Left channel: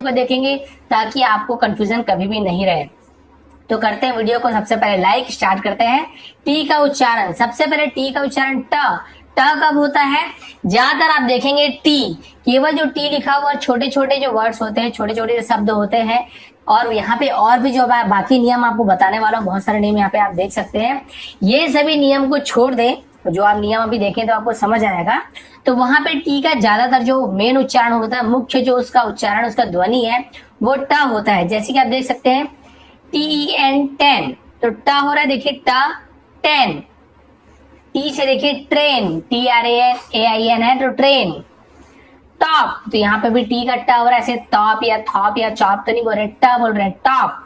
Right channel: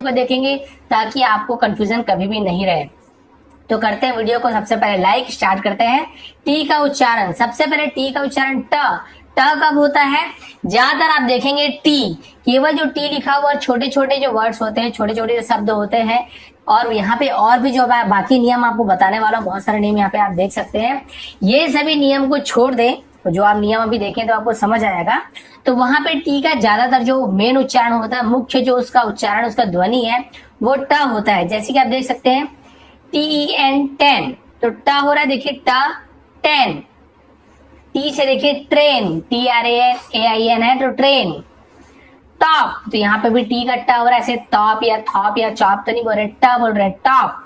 को देखेंगे ताकि आपको कंफ्यूजन कभी भी नहीं रहे। तो करते हैं वीडियो को सबसे पहले लाइक, स्टार्ट करते हैं। टी का उच्चारण, सबसे पहले टी का उच्चारण ट कब होता है? ज्यादातर आप देखेंगे टी, केवल जो टी लिखा हुआ छोटे छोटे जो वर्ड्स होते हैं, छोटे छोटे जो शब्द होते हैं। और यहाँ पे और भी जो बाकी नियम आपको बताने वाला हूँ, बहुत सारे नियम यहाँ पे आप देख सकते हैं। ये सभी नियम को छोड़ दें, तो जो आप नियम अभी देखें तो आपको समझ आएगा। तो वहां पे टी का ज्यादातर जो मेन उच्चारण होता है, मुख्य जो उसका उच्चारण, उसका ध्वनि है वो ट होता है। जैसे कि आप देख सकते हैं TEN 10, तो ट हो रहा है, देखिए ट 10। टी से देखिए ट्रेन, TRAN है तो ट्रेन। टॉप, तो यहाँ पे भी टी का ट हो रहा है, ऐसे टॉप या थॉप या चॉप तो नहीं बोल रहे, ट बोल रहे हैं, टॉप।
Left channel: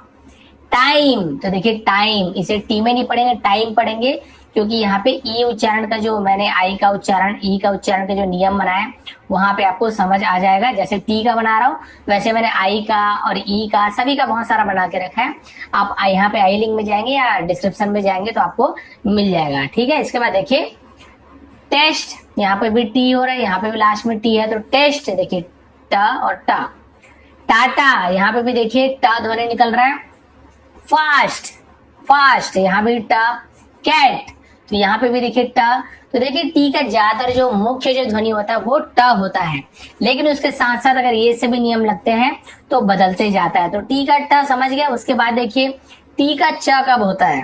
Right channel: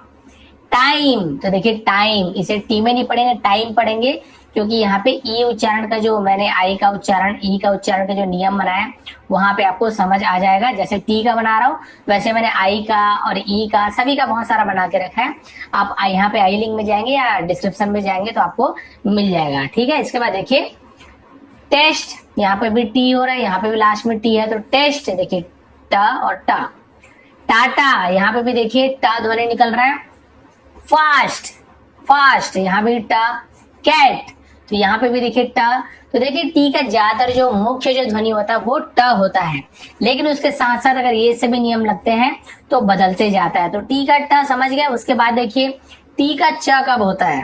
टाइम, तो देखिए टाइम, इसे टी में नहीं पढ़ेंगे, टाइम पढ़ेंगे, क्योंकि यहाँ पे ई उच्चारण का जो मैंने आई का उच्चारण, ई का उच्चारण का जो नियम बनाया वहां पे आपको समझ आ जाएगा। जैसे टी का बना रहा हूँ वैसे मैंने आई का और ई का, सभी का बहुत सारा बना के रखा है। आप यहाँ पे आई लिंक में जाएंगे या डिस्क्रिप्शन में जाएंगे तो आपको मिल जाएगा, ठीक है। इसके बाद देखिए टेस्ट, यहाँ पे भी टी हो रहा है, यहाँ पे भी लास्ट में टी है, तो टेस्ट देखिए ट और ट। टाटा, यहाँ पे भी देखिए ट ध्वनि निकल रहा है। फास्ट, फास्ट, यहाँ भी ट। कैट, तो यहाँ पे भी देखिए ट। तो देखिए टी का ज्यादातर जो मुख्य जो ध्वनि होता है वो ट होता है, लेकिन उसके साथ साथ अगर ये सभी नियम लगते हैं तो बदलते जाता है। तो टी का ट समझ गए। उसके बाद देखिए टी का च कब होता है?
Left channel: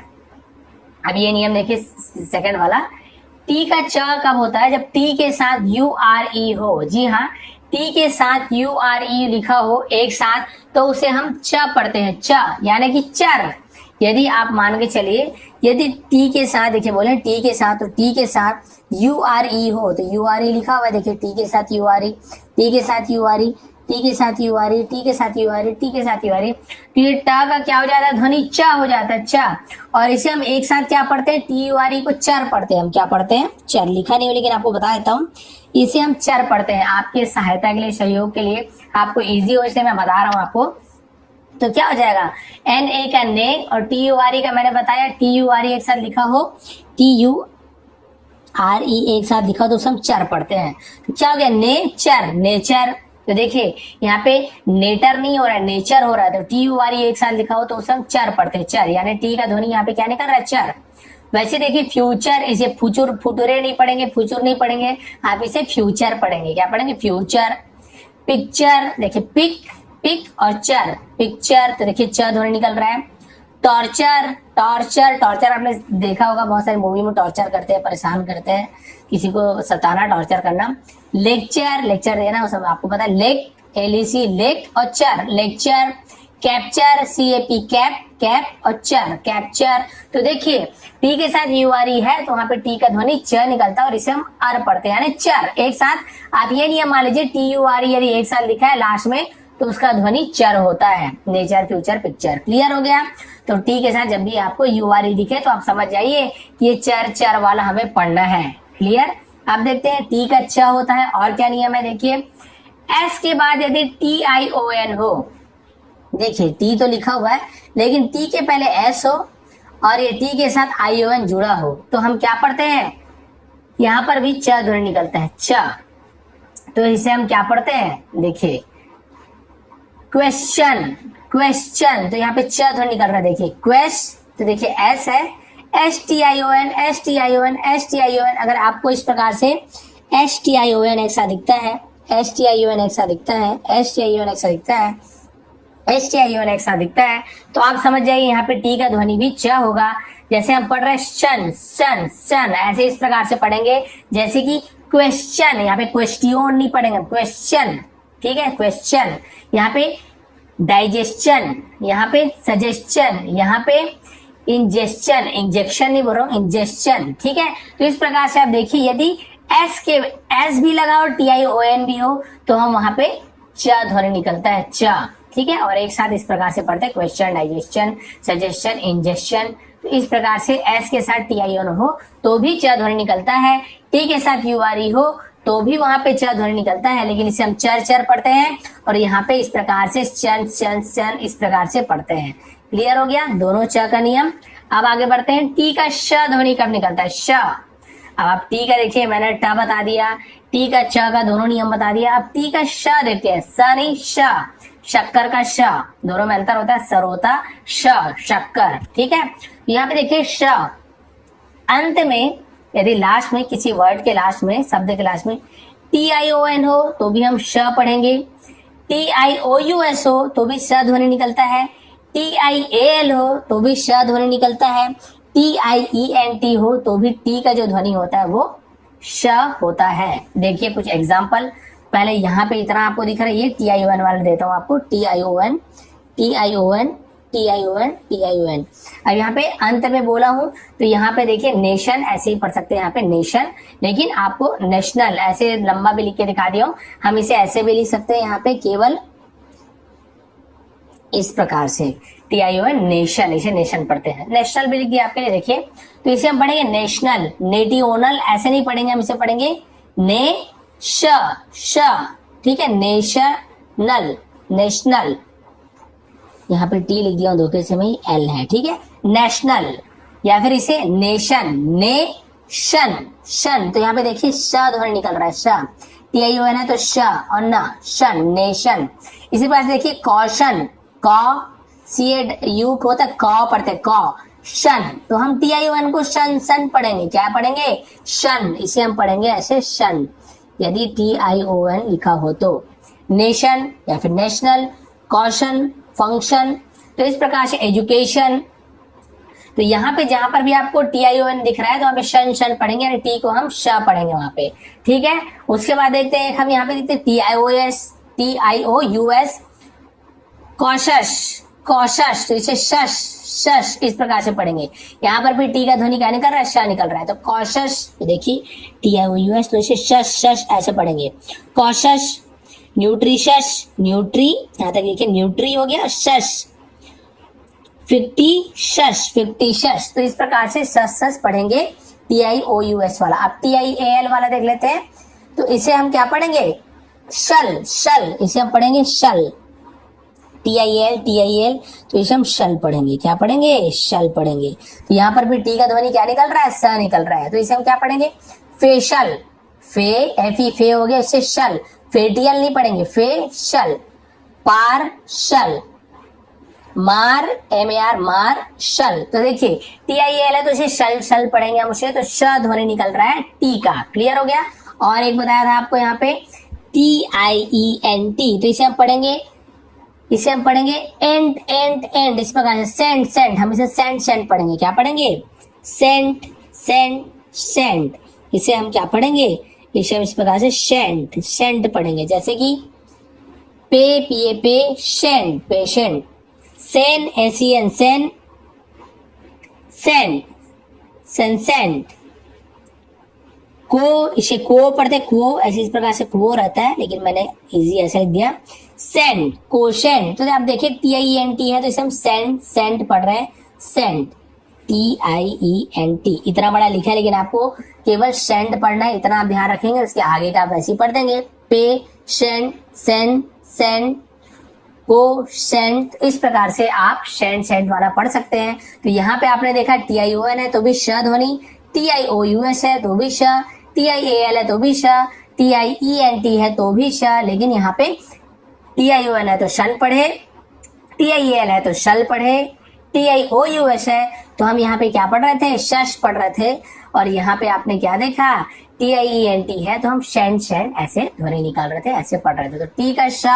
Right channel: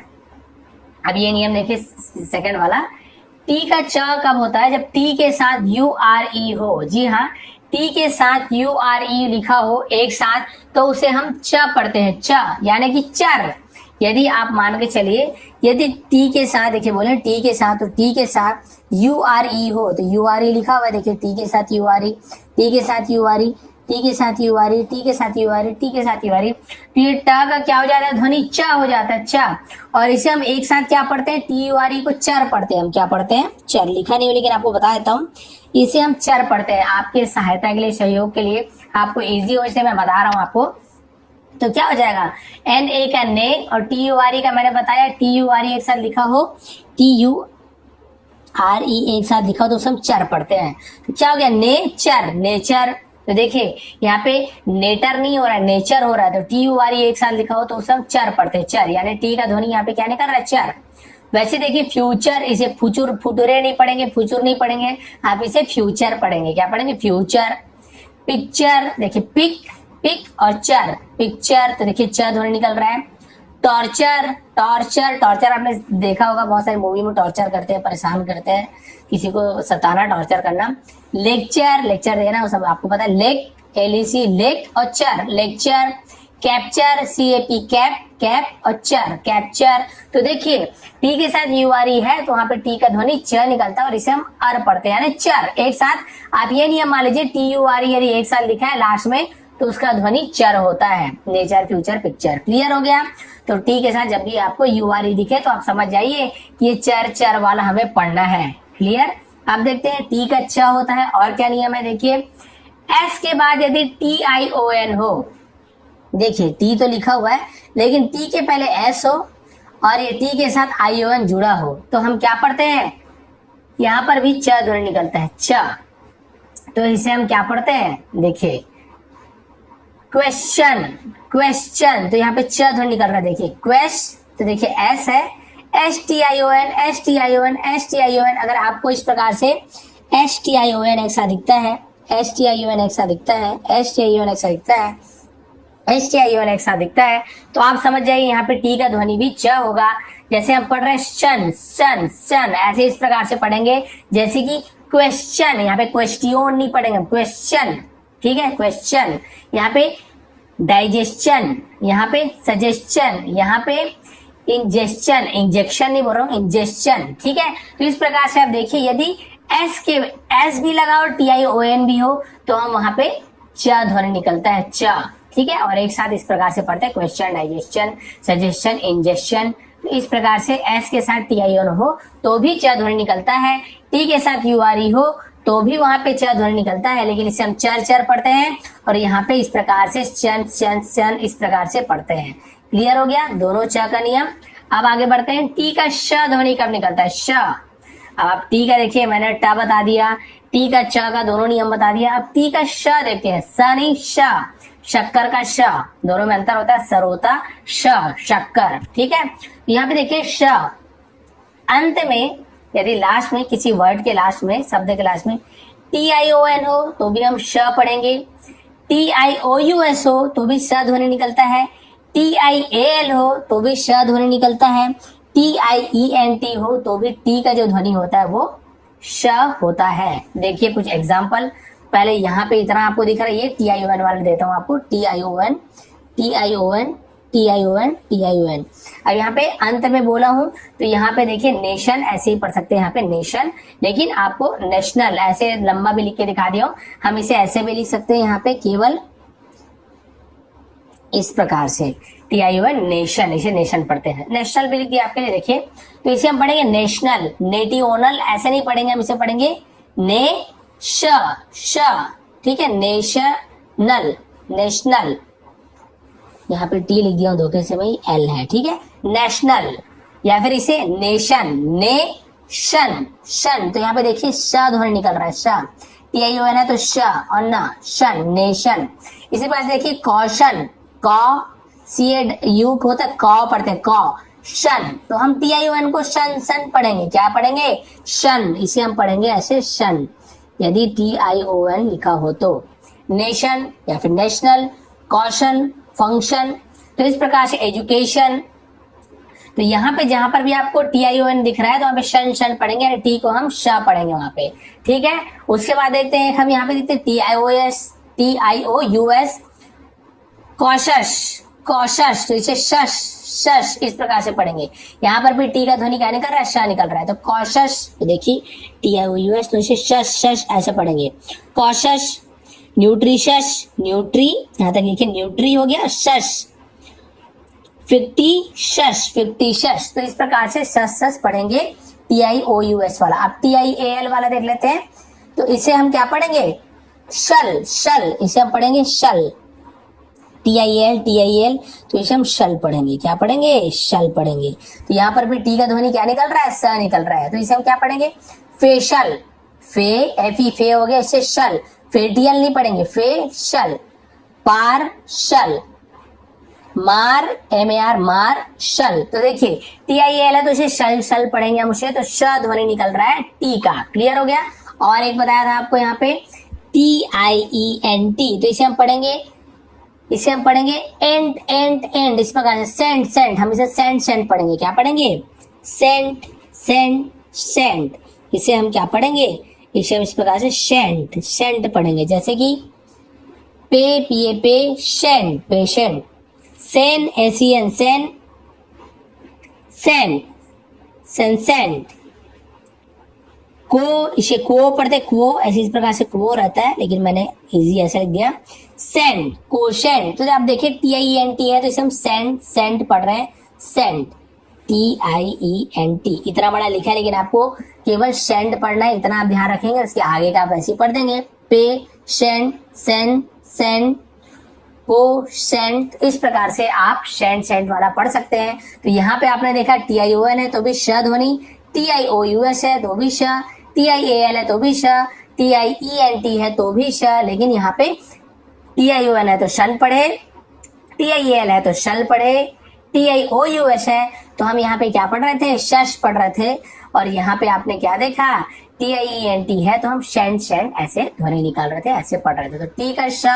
अब ये नियम देखिए सेकंड वाला, टी का च कब होता है? जब टी के साथ URE हो। जी हाँ, टी के साथ URE लिखा हो एक साथ तो उसे हम च पढ़ते हैं, च यानी कि चर। यदि आप मान के चलिए, यदि टी के साथ देखिए बोले टी के साथ, तो टी के साथ URE हो तो URE लिखा हुआ है, देखिए टी के साथ URE, टी के साथ URE, टी के साथ URE, टी के साथ URE, टी के साथ URE, तो ये ट का क्या हो जाता है? ध्वनि च हो जाता है, च। और इसे हम एक साथ क्या पढ़ते हैं? TURE को चर पढ़ते हैं। हम क्या पढ़ते हैं? चर। लिखा नहीं हो लेकिन आपको बता देता हूँ, इसे हम चर पढ़ते हैं। आपके सहायता के लिए, सहयोग के लिए, आपको इजी हो इसलिए मैं बता रहा हूँ आपको। तो क्या हो जाएगा? NA का ने और TURE का मैंने बताया, TURE एक साथ लिखा हो, TURE एक साथ लिखा हो तो उसे हम चर पढ़ते हैं। तो क्या हो गया? Nature, nature. तो देखिए यहाँ पे नेटर नहीं हो रहा है, नेचर हो रहा है। तो TURE एक साथ लिखा हो तो उसे हम चर पढ़ते हैं, चर, यानी टी का ध्वनि यहाँ पे क्या निकल रहा है? चर। वैसे देखिए फ्यूचर, इसे फुचुर, फुटुरे नहीं पढ़ेंगे, फुचुर नहीं पढ़ेंगे, आप इसे फ्यूचर पढ़ेंगे। क्या पढ़ेंगे? फ्यूचर। पिक्चर, देखिए पिक, पिक और चर, पिक्चर, तो देखिए च ध्वनि निकल रहा है। टॉर्चर, टॉर्चर, टॉर्चर आपने देखा होगा, बहुत सारी मूवी में टॉर्चर करते हैं, परेशान करते हैं, किसी को सताना, टॉर्चर करना। लेक्चर, लेक्चर देना, वो सब आपको पता है। लेक, LEC, लेक और चर, lecture. Capture, CAP, cap, cap और चर, कैप्चर। तो देखिए टी के साथ URE है तो वहां पे टी का ध्वनि च निकलता है और इसे हम अर पढ़ते हैं, यानी चर। एक साथ आप ये नियम मान लीजिए, TURE यदि एक साथ लिखा है लास्ट में तो उसका ध्वनि चर होता है, नेचर, फ्यूचर, पिक्चर। क्लियर हो गया? तो टी के साथ जब भी आपको URE दिखे तो आप समझ जाइए कि ये चर, चर वाला हमें पढ़ना है। क्लियर? आप देखते हैं टी का च होता है। और क्या नियम है? देखिए एस के बाद यदि TION हो, देखिए टी तो लिखा हुआ है लेकिन टी के पहले एस हो और ये टी के साथ ION जुड़ा हो तो हम क्या पढ़ते हैं? यहाँ पर भी च ध्वनि निकलता है, च। तो इसे हम क्या पढ़ते हैं? देखिए क्वेश्चन, क्वेश्चन, तो यहाँ पे च ध्वनि निकल रहा है, देखिए क्वेश्चन, तो देखिए एस है, STION, STION, STION। अगर आपको इस प्रकार से STION एक साथ दिखता है, STION एक साथ दिखता है, STION एक साथ दिखता है, STION एक साथ दिखता है, तो आप समझ जाइए यहाँ पे टी का ध्वनि भी च होगा। जैसे हम पढ़ रहे हैं शन, सन, सन, ऐसे इस प्रकार से पढ़ेंगे। जैसे कि क्वेश्चन, यहाँ पे क्वेश्चन नहीं पढ़ेंगे, क्वेश्चन, ठीक है, क्वेश्चन। यहाँ पे डाइजेशन, यहाँ पे सजेशन, यहाँ पे इंजेक्शन, इंजेक्शन नहीं बोल रहा हूँ, इंजेक्शन, ठीक है। तो इस प्रकार से आप देखिए, यदि एस भी लगा और TION भी हो तो हम वहां पे च ध्वनि निकलता है, च, ठीक है। और एक साथ इस प्रकार से पढ़ते हैं, क्वेश्चन, डाइजेशन, सजेशन, इंजेक्शन। तो इस प्रकार से एस के साथ TION हो तो भी च ध्वनि निकलता है, टी के साथ URE हो तो भी वहां पे च ध्वनि निकलता है, लेकिन इसे हम चर, चर पढ़ते हैं। और यहाँ पे इस प्रकार से शन, शन, शन इस प्रकार से पढ़ते हैं। क्लियर हो गया दोनों च का नियम? अब आगे बढ़ते हैं, टी का श ध्वनि कब निकलता है? श। अब आप टी का देखिए, मैंने ट बता दिया, टी का च का दोनों नियम बता दिया। अब टी का श देते हैं, स नहीं श। शक्कर का श, दोनों में अंतर होता है, सरोता श, शक्कर। ठीक है, यहाँ पे देखिए श अंत में, यदि लास्ट में किसी वर्ड के लास्ट में, शब्द के लास्ट में TION हो तो भी हम श पढ़ेंगे, TIOUS हो तो भी श ध्वनि निकलता है, TIAL हो तो भी श ध्वनि निकलता है, TIENT हो तो भी टी का जो ध्वनि होता है वो श होता है। देखिए कुछ एग्जाम्पल, पहले यहाँ पे इतना आपको दिख रहा है, ये TION वाला देता हूँ आपको, TION TION TION TION। अब यहाँ पे अंत में बोला हूँ तो यहाँ पे देखिए नेशन ऐसे ही पढ़ सकते हैं, यहाँ पे नेशन, लेकिन आपको नेशनल ऐसे लंबा भी लिख के दिखा दिया हूँ, हम इसे ऐसे भी लिख सकते हैं यहाँ पे, केवल इस प्रकार से TION नेशन, इसे नेशन पढ़ते हैं, नेशनल भी लिख दिया आपके लिए। देखिए तो इसे हम पढ़ेंगे नेशनल, नेटिओनल ऐसे नहीं पढ़ेंगे, हम इसे पढ़ेंगे श, ठीक है, नेशनल, नेशनल, यहाँ पे टी लिख दिया धोखे से, वही एल है, ठीक है, नेशनल, या फिर इसे नेशन, नेशन, शन, तो यहाँ पे देखिए श ध्वनि निकल रहा है, श, TION है तो श और न, शन, नेशन। इसी पास देखिए कॉशन, कॉ CAU होता है, कॉ पढ़ते हैं, कॉ, शन, तो हम TION को शन, सन पढ़ेंगे, क्या पढ़ेंगे, शन, इसे हम पढ़ेंगे ऐसे शन, यदि TION लिखा हो तो, नेशन या फिर नेशनल, कॉशन, फंक्शन, तो इस प्रकार से एजुकेशन। तो यहाँ पे जहां पर भी आपको TION दिख रहा है तो वहां पे शन, शन पढ़ेंगे, यानी टी को हम श पढ़ेंगे वहां पे, ठीक है। उसके बाद देखते हैं हम यहाँ पे देखते हैं TIOUS, कॉशस, कॉशस, तो इसे शश, शश इस प्रकार से पढ़ेंगे। यहाँ पर भी टी का ध्वनि क्या निकल रहा है, श निकल रहा है, तो कॉशस, देखिए TIOUS, तो इसे शश, शश ऐसे पढ़ेंगे, कॉशस, न्यूट्रिशस, न्यूट्री, यहाँ तक लिखिए न्यूट्री हो गया, शश, फिक्टिशस, फिक्टिशस, तो इस प्रकार से शश, शश पढ़ेंगे TIOUS वाला। अब TIAL वाला देख लेते हैं, तो इसे हम क्या पढ़ेंगे, शल, शल, इसे हम पढ़ेंगे शल, TIL, तो इसे हम शल पढ़ेंगे, क्या पढ़ेंगे, शल पढ़ेंगे। तो यहाँ पर भी टी का ध्वनि क्या निकल रहा है, स निकल रहा है, तो इसे हम क्या पढ़ेंगे, फेशल, फे हो गया, इससे शल, फेटियल नहीं पढ़ेंगे, फेशल, पार्शल, मार, MAR, मार, शल, तो देखिए TIL है तो इसे शल, शल पढ़ेंगे हम उसे, तो श ध्वनि निकल रहा है टी का, क्लियर हो गया। और एक बताया था आपको यहाँ पे TIENT, तो इसे हम पढ़ेंगे, इसे हम पढ़ेंगे एंड, एंड, एंड, इस प्रकार से सेंट, सेंट, हम इसे सेंट, सेंट पढ़ेंगे, क्या पढ़ेंगे, सेंट, सेंट, सेंट, इसे हम क्या पढ़ेंगे, इसे हम इस प्रकार से सेंट, सेंट पढ़ेंगे, जैसे कि पे, पिए पे, शेंट, पेशेंट, सेन, SEN, सेन, सेंट, सेंसेंट, को, इसे को पढ़ते, को ऐसे इस प्रकार से को रहता है, लेकिन मैंने इजी ऐसा लिख दिया, सेंट, कोशेंट, तो आप देखिए TIENT है तो इसे हम सेंट, सेंट पढ़ रहे हैं, सेंट, TIENT, इतना बड़ा लिखा है, लेकिन आपको केवल सेंट पढ़ना है, इतना आप ध्यान रखेंगे, उसके आगे का आप ऐसे ही पढ़ देंगे, पे, शेंट, सेन, सेंट, को, सेंट, इस प्रकार से आप सेंट, सेंट वाला पढ़ सकते हैं। तो यहाँ पे आपने देखा TION है तो भी श ध्वनि, TIOUS है तो भी श, TIAL है तो भी श, TIENT है तो भी श, लेकिन यहाँ पे TION है तो शन पढ़े, TIAL है तो शल पढ़े, TIOUS है तो हम यहाँ पे क्या पढ़ रहे थे, शश पढ़ रहे थे, और यहाँ पे आपने क्या देखा, TIENT है तो हम शेंट, शेंट ऐसे ध्वनि निकाल रहे थे, ऐसे पढ़ रहे थे। तो टी का श,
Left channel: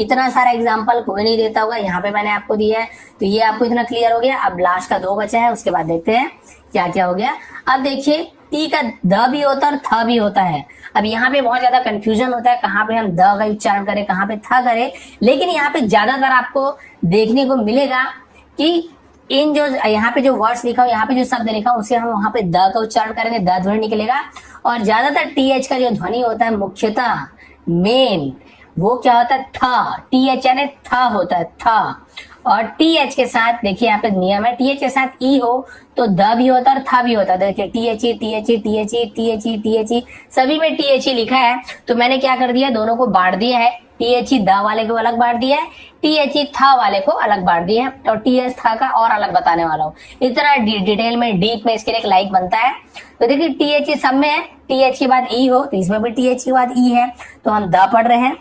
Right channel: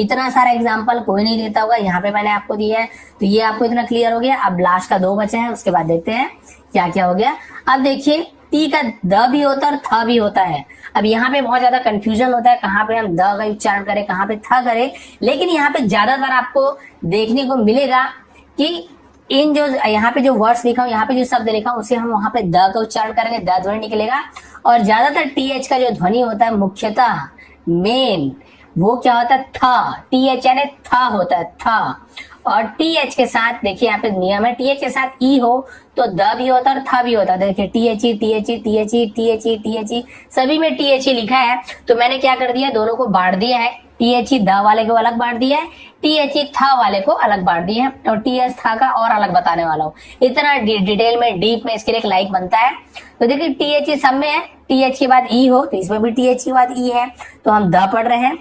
इतना सारा एग्जाम्पल कोई नहीं देता होगा, यहाँ पे मैंने आपको दिया है, तो ये आपको इतना क्लियर हो गया। अब लास्ट का 2 बचा है, उसके बाद देखते हैं क्या क्या हो गया। अब देखिए टी का द भी होता है और थ भी होता है। अब यहाँ पे बहुत ज्यादा कंफ्यूजन होता है, कहाँ पे हम द का उच्चारण करें, कहाँ पे थ करें, लेकिन यहाँ पे ज्यादातर आपको देखने को मिलेगा कि इन जो यहाँ पे जो वर्ड्स लिखा हूं, यहाँ पे जो शब्द लिखा हूं, उसे हम वहां पे द का उच्चारण करेंगे, द ध्वनि निकलेगा, और ज्यादातर TH का जो ध्वनि होता है मुख्यतः मेन वो क्या होता है, थ, TH यानी थ होता है, थ, और TH के साथ देखिए यहाँ पे नियम है, TH के साथ ई हो तो द भी होता है और थ भी होता है। देखिए THE, THE, THE, THE, THE, सभी में THE लिखा है, तो मैंने क्या कर दिया, दोनों को बांट दिया है, THE द वाले को अलग बांट दिया है, THE थ वाले को अलग बांट दिया है, और TH थ का और अलग बताने वाला हूँ। इतना डिटेल में, डीप में इसके लिए एक लाइक बनता है। तो देखिए THE सब में है, TH के बाद ई हो तो इसमें भी TH के बाद ई है, तो हम द पढ़ रहे हैं,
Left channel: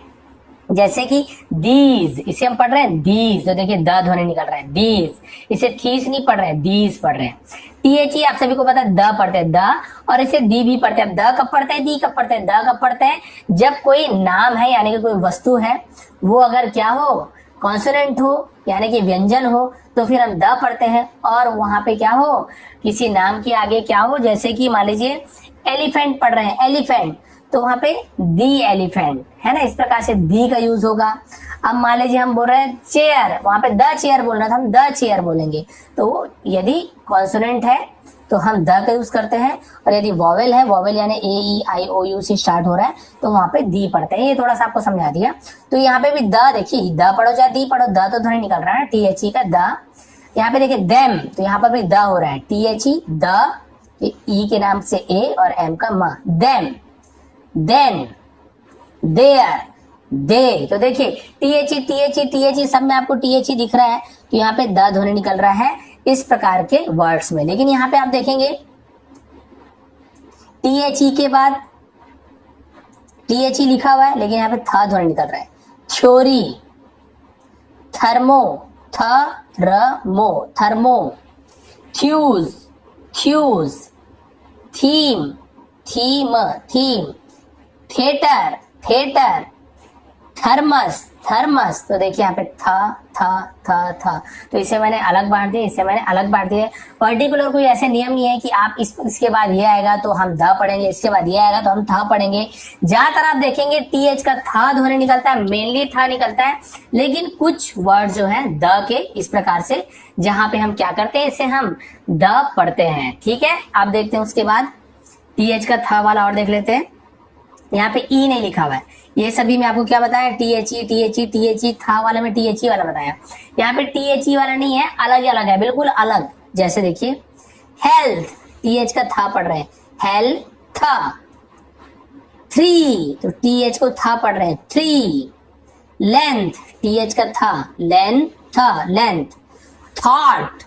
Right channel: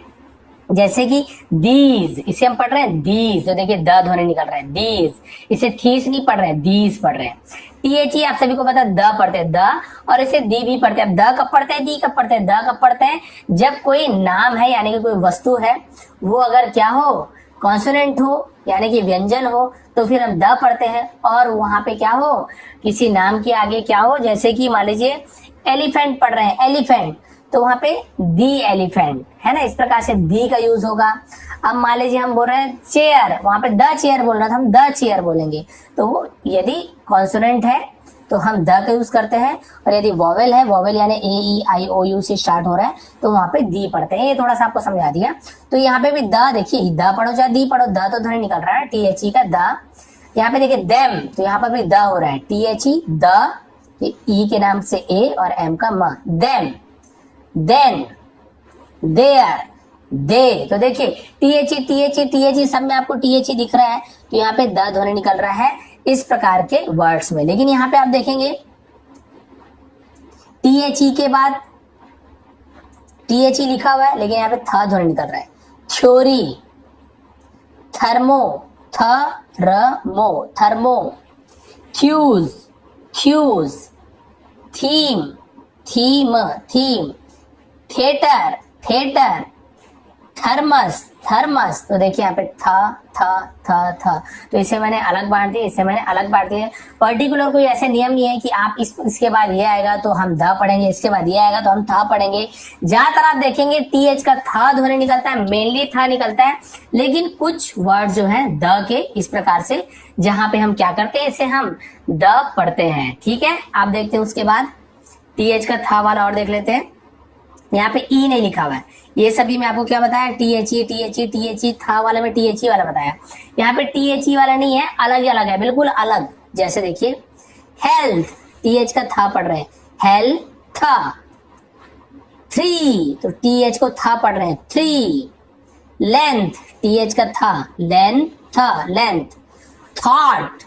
जैसे कि दीज, इसे हम पढ़ रहे हैं दीज, तो देखिए द ध्वनि निकल रहा है दीज। इसे थीस नहीं पढ़ रहे हैं, दीज पढ़ रहे हैं। टीएचई आप सभी को पता है द पढ़ते हैं द, और इसे दी भी पढ़ते हैं। द कब पढ़ते हैं, दी कब पढ़ते हैं, द कब पढ़ते हैं, जब कोई नाम है यानी कि कोई वस्तु है वो अगर क्या हो, कॉन्सोनेंट हो यानी कि व्यंजन हो, तो फिर हम द पढ़ते हैं। और वहां पे क्या हो, किसी नाम के आगे क्या हो, जैसे कि मान लीजिए एलिफेंट पढ़ रहे हैं, एलिफेंट, तो वहां पे दी एलिफेंट है ना, इस प्रकार से दी का यूज होगा। अब मान लीजिए हम बोल रहे हैं चेयर, वहां पे द चेयर बोल रहा था, हम द चेयर बोलेंगे। तो यदि कॉन्सोनेंट है तो हम द का यूज करते हैं, और यदि वॉवेल है, वॉवेल यानी ए ई आई ओ यू से स्टार्ट हो रहा है, तो वहां पे दी पढ़ते हैं। ये थोड़ा सा आपको समझा दिया। तो यहाँ पे भी द, देखिए द पढ़ो चाहे दी पढ़ो, द तो ध्वनि निकल रहा है टीएचई का द। यहाँ पे देखिए देम, तो यहाँ पर भी द हो रहा है टीएचई द, ई के नाम से ए और एम का म, देम, देन, देयर, दे। तो देखिए टीएचई टीएचई टीएचई सब में आपको टीएचई दिख रहा है, तो यहाँ पे द ध्वनि निकल रहा है इस प्रकार के वर्ड्स में। लेकिन यहाँ पे आप देखेंगे टीएचई के बाद टीएचई लिखा हुआ है, लेकिन यहाँ पे था ध्वनि निकल रहा है। Theory, thermo, thermo, thermo, थ्यूज, थ्यूज, theme, theme, theme, theatre, theatre, thermos, thermos. तो देखिए यहाँ पे था, तो इसे मैंने अलग बांट दिया, इसे मैंने अलग बांट दिया। पर्टिकुलर कोई ऐसे नियम नहीं है कि आप इसके बाद ये आएगा तो हम ध पढ़ेंगे, इसके बाद ये आएगा तो हम था पढ़ेंगे। ज्यादातर आप देखेंगे टीएच का था ध्वनि निकलता है, मेनली था निकलता है, लेकिन कुछ वर्ड जो है द के इस प्रकार से, जहां पे हम क्या करते हैं, इसे हम द पढ़ते हैं। ठीक है, आप देखते हैं उसके बाद टीएच का था वाला और देख लेते हैं। यहाँ पे ई नहीं लिखा हुआ है, ये सभी में आपको क्या बताया, टीएचई टीएचई टीएचई था वाले में टीएचई वाला बताया। यहाँ पे टीएचई वाला नहीं है, अलग ही अलग है, बिल्कुल अलग। जैसे देखिए हेल्थ, टीएच का था पढ़ रहे हैं, हेल्थ था। थ्री, तो टीएच को था पढ़ रहे हैं, थ्री। लेंथ, टीएच का था, लेंथ था, लेंथ। थॉट,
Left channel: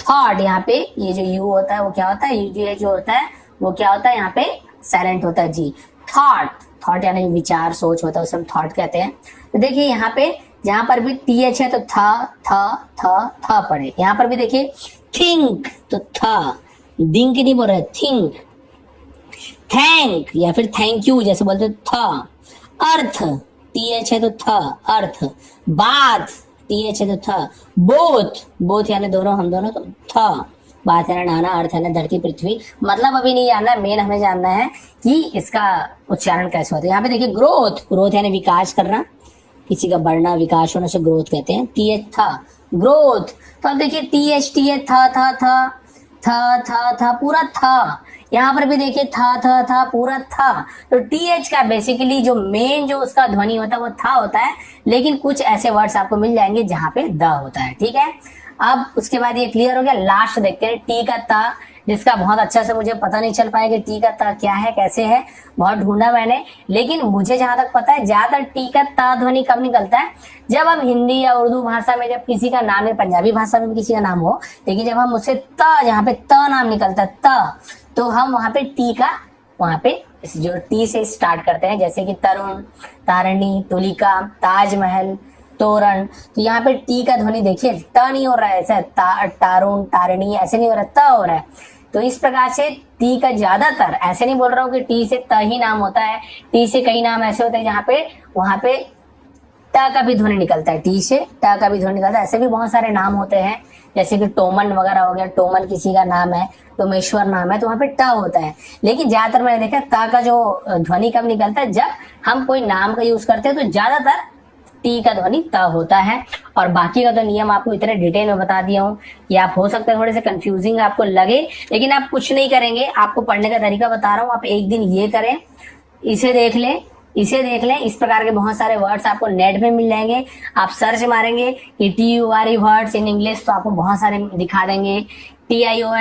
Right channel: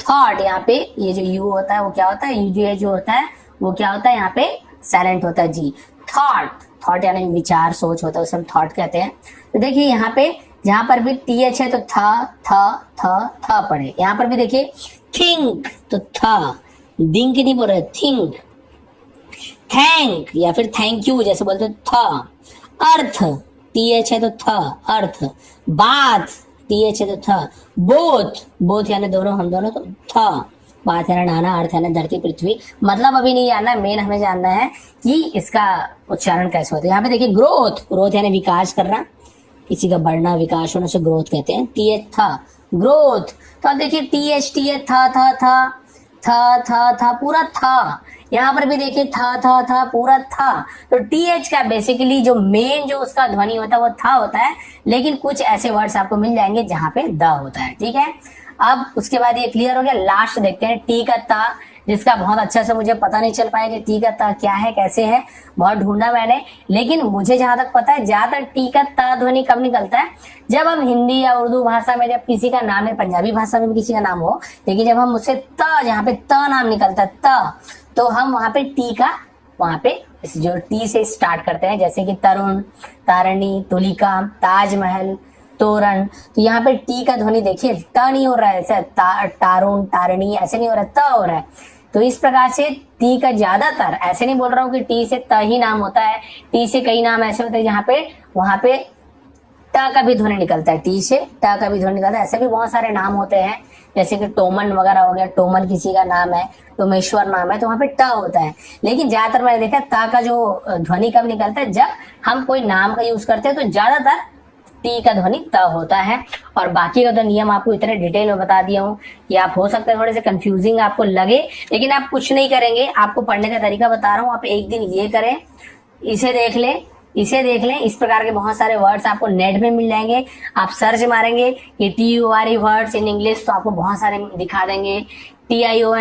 थॉट, यहाँ पे ये जो यू होता है वो क्या होता है, यूजीए जो होता है वो क्या होता है, यहाँ पे साइलेंट होता है जी। थॉट, थॉट यानी विचार सोच होता है, उसे हम थॉट कहते हैं। तो देखिए यहाँ पे जहां पर भी टीएच है तो था पढ़े। यहाँ पर भी देखिए थिंक, तो था, दिंक नहीं बोल रहे, थिंक। थैंक या फिर थैंक यू जैसे बोलते था। अर्थ, टीएच है तो था, अर्थ। बाथ, टीएच है तो था। बोथ, बोथ यानी दोनों, हम दोनों, तो था। बात है ना नाना, अर्थ है ना धरती पृथ्वी। मतलब अभी नहीं जानना, मेन हमें जानना है कि इसका उच्चारण कैसे होता है। यहाँ पे देखिए ग्रोथ, ग्रोथ यानी विकास करना, किसी का बढ़ना विकास होने से ग्रोथ कहते हैं। टीएच था, ग्रोथ। तो अब देखिए टीएच था पूरा था। यहाँ पर भी देखिए था पूरा था। तो टीएच का बेसिकली जो मेन जो उसका ध्वनि होता है वो था होता है, लेकिन कुछ ऐसे वर्ड्स आपको मिल जाएंगे जहां पे द होता है। ठीक है, अब उसके बाद ये क्लियर हो गया। लास्ट देखते हैं टी का ता, जिसका बहुत अच्छा से मुझे पता नहीं चल पाया कि टी का ता क्या है, कैसे है, बहुत ढूंढा मैंने। लेकिन मुझे जहां तक पता है ज्यादातर टी का ता ध्वनि कब निकलता है, जब हम हिंदी या उर्दू भाषा में जब किसी का नाम है, पंजाबी भाषा में भी किसी का नाम हो, लेकिन जब हम उससे त, जहाँ पे त नाम निकलता है त, तो हम वहां पे टी का, वहां पे जो टी से स्टार्ट करते हैं, जैसे कि तरुण, तारिणी, तुलिका, ताजमहल, तोरण। तो यहाँ पे टी का ध्वनि देखिए ट नहीं हो रहा है, ऐसा तारुण, तारिणी ऐसे नहीं हो रहा है, त हो रहा है। तो इस प्रकार से टी का ज्यादातर, ऐसे नहीं बोल रहा हूँ कि टी से त ही नाम होता है, टी से कई नाम ऐसे होते हैं जहाँ पे वहां पे ट का भी ध्वनि निकलता है, टी से ट का भी ध्वनि निकलता है। ऐसे भी बहुत सारे नाम होते हैं, जैसे कि टोमन वगैरह हो गया, टोमन किसी का नाम है, टोमेश्वर नाम है, तो वहां पे ट होता है। लेकिन ज्यादातर मैंने देखा ता का जो ध्वनि कब निकलता है, जब हम कोई नाम का यूज करते हैं, तो ज्यादातर टी का ध्वनि त होता है। और बाकी का तो नियम आपको इतने डिटेल में बता दिया हूँ कि आप हो सकते हैं थोड़े से कंफ्यूजिंग आपको लगे, लेकिन आप कुछ नहीं करेंगे, आपको पढ़ने का तरीका बता रहा हूँ। आप एक दिन ये करें, इसे देख लें, इसे देख लें, इस प्रकार के बहुत सारे वर्ड्स आपको नेट में मिल जाएंगे। आप सर्च मारेंगे कि TURE वर्ड्स इन इंग्लिश, तो आपको बहुत सारे दिखा देंगे। TION